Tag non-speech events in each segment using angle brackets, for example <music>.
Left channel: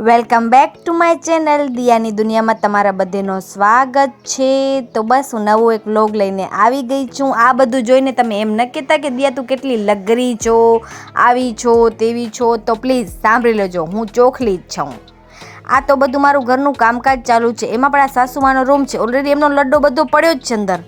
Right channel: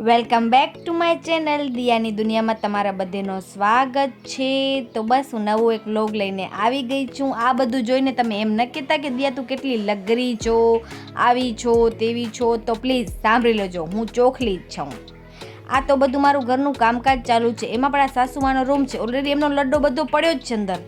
Welcome back to my channel. દિયાની દુનિયામાં તમારા બધેનો સ્વાગત છે. તો બસ હું નવું એક લોગ લઈને આવી ગઈ છું. આ બધું જોઈને તમે એમ ન કહેતા કે, દિયા, તું કેટલી લગરી છો, આવી છો, તેવી છો. તો પ્લીઝ સાંભળી લેજો. હું ચોખલી જ છું. આ તો બધું મારું ઘરનું કામકાજ ચાલુ છે. એમાં પણ આ સાસુમાનો રૂમ છે. ઓલરેડી એમનો લડ્ડો બધો પડ્યો જ છે અંદર.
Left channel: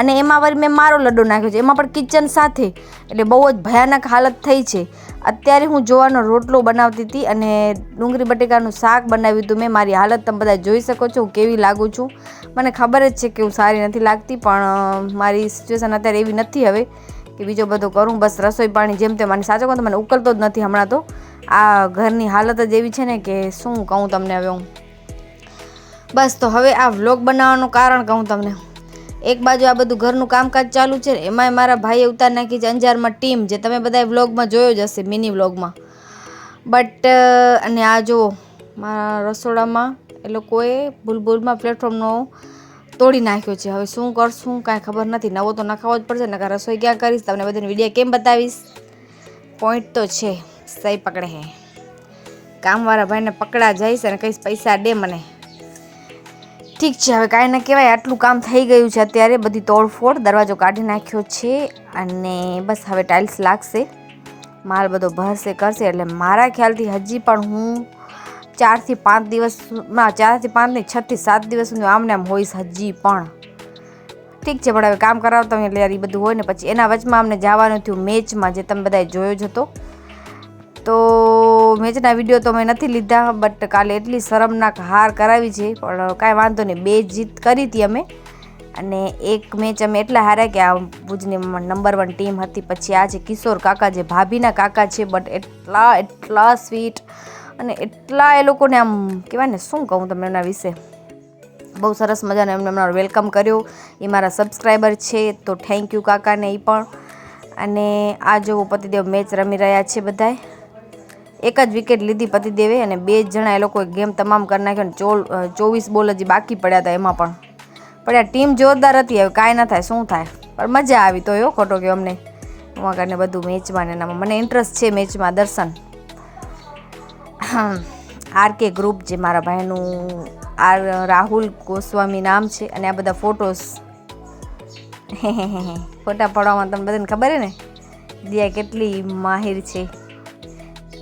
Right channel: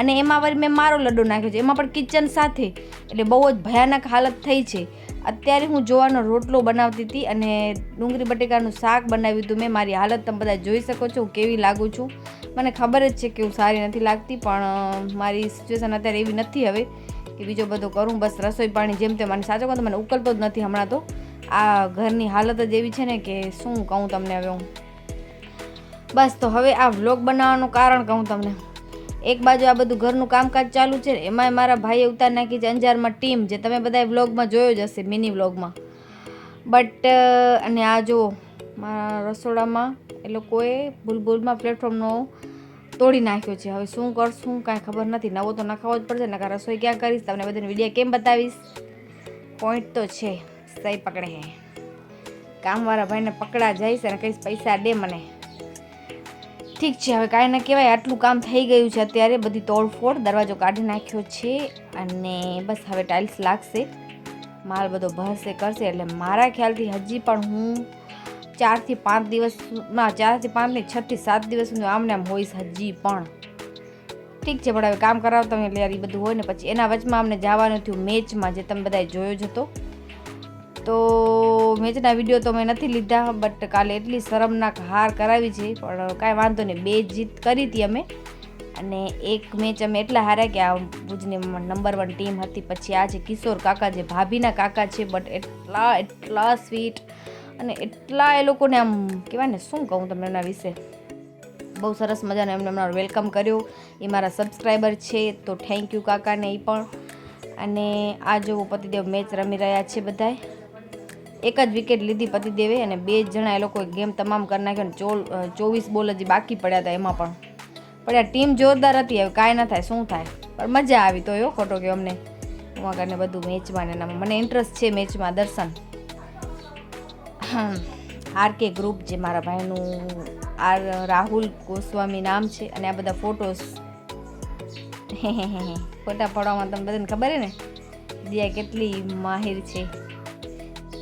અને એમાં વળી મેં મારો લડ્ડો નાખ્યો છે. એમાં પણ કિચન સાથે એટલે બહુ જ ભયાનક હાલત થઈ છે. અત્યારે હું જોવાનો રોટલો બનાવતી હતી અને ડુંગળી બટેકાનું શાક બનાવ્યું હતું મેં. મારી હાલત તમે બધા જોઈ શકો છો હું કેવી લાગું છું. મને ખબર જ છે કે હું સારી નથી લાગતી, પણ મારી સિચ્યુએશન અત્યારે એવી નથી હવે કે બીજો બધો કરું. બસ રસોઈ પાણી જેમ તેમ. મને સાચો કહું તો મને ઉકલતો જ નથી હમણાં તો. આ ઘરની હાલત જ એવી છે ને કે શું કહું તમને હવે હું. બસ તો હવે આ વ્લોગ બનાવવાનું કારણ કહું તમને. એક બાજુ આ બધું ઘરનું કામકાજ ચાલુ છે એમાંય મારા ભાઈએ ઉતાર નાખી છે અંજારમાં ટીમ જે તમે બધા વ્લોગમાં જોયો જ હશે, મિની વ્લોગમાં. બટ અને આ જુઓ, મારા રસોડામાં એ લોકોએ ભૂલભૂલમાં પ્લેટફોર્મનો તોડી નાખ્યો છે. હવે શું કરશું કાંઈ ખબર નથી. નવો તો નખાવો જ પડશે ને રસોઈ ક્યાં કરીશ? તમને બધાને વીડિયો કેમ બતાવીશ? પોઈન્ટ તો છે, સહી પકડે હે. કામવાળા ભાઈને પકડા જઈશ અને કહીશ, પૈસા દે મને. ઠીક છે, હવે કાંઈ ના કહેવાય, આટલું કામ થઈ ગયું છે અત્યારે, બધી તોડફોડ, દરવાજો કાઢી નાખ્યો છે અને બસ હવે ટાઇલ્સ લાગશે. માલ બધો ભરશે, કરશે, એટલે મારા ખ્યાલથી હજી પણ હું ચારથી પાંચ દિવસમાં ચારથી પાંચ નહીં, છથી સાત દિવસ સુધી આમને આમ હોઈશ હજી પણ. ઠીક છે, પણ હવે કામ કરાવતા એટલે યાર એ બધું હોય ને, પછી એના વચમાં અમને જવાનું થયું મેચમાં જે તમે બધાએ જોયો જ હતો. તો મેચના વીડિયો તો મેં નથી લીધા બટ કાલે એટલી શરમનાક હાર કરાવી છે, પણ કાંઈ વાંધો નહીં. બે જીત કરી હતી અમે, અને એક મેચ અમે એટલા હાર્યા કે આ ભુજની નંબર વન ટીમ હતી. પછી આ છે કિશોર કાકા જે ભાભીના કાકા છે બટ એટલા એટલા સ્વીટ અને એટલા એ લોકોને આમ કહેવાય ને, શું કહું તમને એના વિશે? બહુ સરસ મજાનો એમને હમણાં વેલકમ કર્યો. એ મારા સબસ્ક્રાઈબર છે, તો થેન્ક યુ કાકાને એ પણ. અને આ જો પતિદેવ મેચ રમી રહ્યા છે બધાએ એક જ વિકેટ લીધી પતિદેવે અને બે જ જણા એ લોકોએ ગેમ તમામ કરી નાખ્યો ચોલ ચોવીસ બોલ હજી બાકી પડ્યા હતા એમાં પણ. આ ટીમ જોરદાર હતી, હવે કાંઈ ના થાય, શું થાય? પણ મજા આવી તો એવો ખોટો કે અમને. એમાં કરીને બધું મેચમાં ને એનામાં. મને ઇન્ટરેસ્ટ છે મેચમાં, દર્શન. આર કે ગ્રુપ જે મારા ભાઈનું, આર, રાહુલ ગોસ્વામી નામ છે, અને આ બધા ફોટોસ <laughs> ફોટા પાડવામાં તમને બધાને ખબર હે ને? દિયા કેટલી માહિર છે.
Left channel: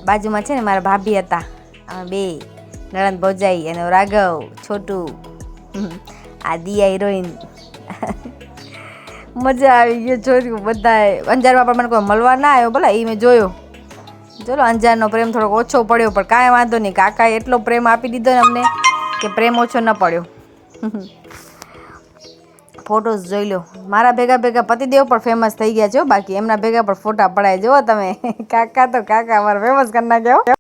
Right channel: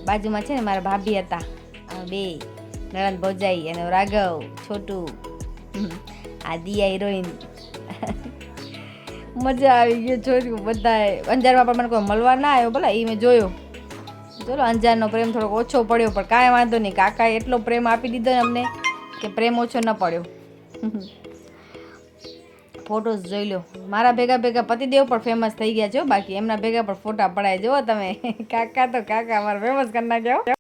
બાજુમાં છે ને મારા ભાભી હતા. અમે બે, નણંદ ભોજાઈ અને રાઘવ, છોટું. આ દિયા હિરોઈન. <laughs> મજા આવી ગયો જોયું બધાએ. અંજારમાં પણ મને કોઈ મળવા ના આવ્યો, ભલા એ મેં જોયો. ચલો અંજારનો પ્રેમ થોડોક ઓછો પડ્યો, પણ કાંઈ વાંધો નહીં. કાકાએ એટલો પ્રેમ આપી દીધો ને અમને કે પ્રેમ ઓછો ન પડ્યો. ફોટોસ જોઈ લો. મારા ભેગા ભેગા પતિદેવ પણ ફેમસ થઈ ગયા છે બાકી. એમના ભેગા પણ ફોટા પડાય. જુઓ તમે. <laughs> કાકા તો કાકા મારા ફેમસ કરી નાખ્યો